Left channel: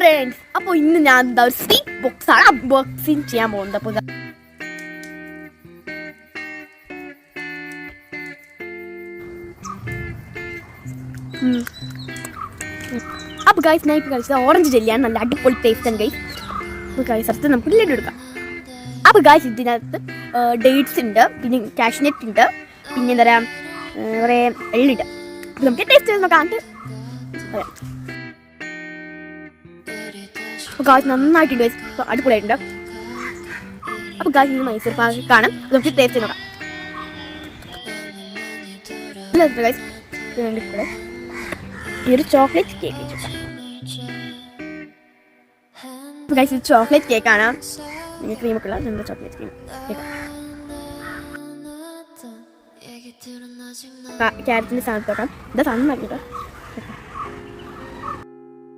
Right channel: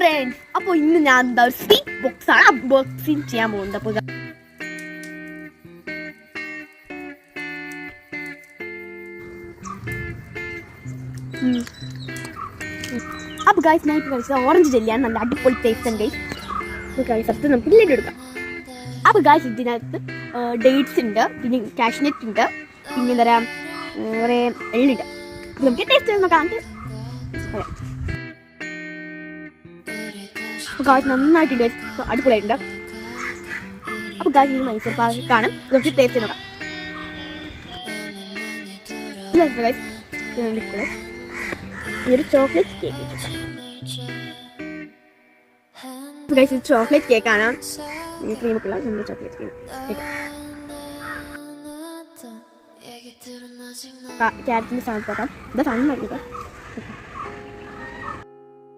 Friends, അപ്പോൾ ഇന്ന് ഞാൻ എന്താ ഒരു സ്വീറ്റ് ബോക്സ് ആണ് അൺബോക്സിങ് ചെയ്യാൻ പോകുന്നത്. അപ്പോൾ ഗൈസ് ഞാൻ ഇപ്പോൾ കഴിച്ചത് ഓറഞ്ച് ജെല്ലിയാണ്. നല്ല അടിപൊളി ടേസ്റ്റ് ആണ് ഗൈസ്. ഗൈസ് അടുത്ത് നമുക്ക് ലഡു എടുക്കാം. അപ്പോൾ ഗൈസ് ഇതിനകത്ത് ഡേറ്റ്സ് ഉണ്ട്, പിന്നെ കാഷ്നട്ട് ഉണ്ട്, പിന്നെ എന്താ പറയുക കുറേ എള്ളുണ്ട്. നമുക്ക് ടേസ്റ്റ് ചെയ്ത് നോക്കാം. അപ്പോൾ ഗായ്സ് നന്നായിട്ടുണ്ട്, അടിപൊളിയായിട്ടുണ്ട്. അപ്പോൾ ഗായ്സ് ഇത് മൈസൂർ പാക്കാണ്. നമുക്ക് ടേസ്റ്റ് നോക്കാം. ഈ ഒരു ചോക്ലേറ്റ് കേക്ക്, ഗായ്സ് ഇത് ചോക്ലേറ്റ് കേക്കാണ്. ക്രീമൊക്കെ ഉള്ള നമ്മുടെ ചോക്ലേറ്റ് കേക്ക്. ക്യാരറ്റിൻ്റെ സാധനം നോക്കാം. ഇതാ സാധനം നോക്കാം.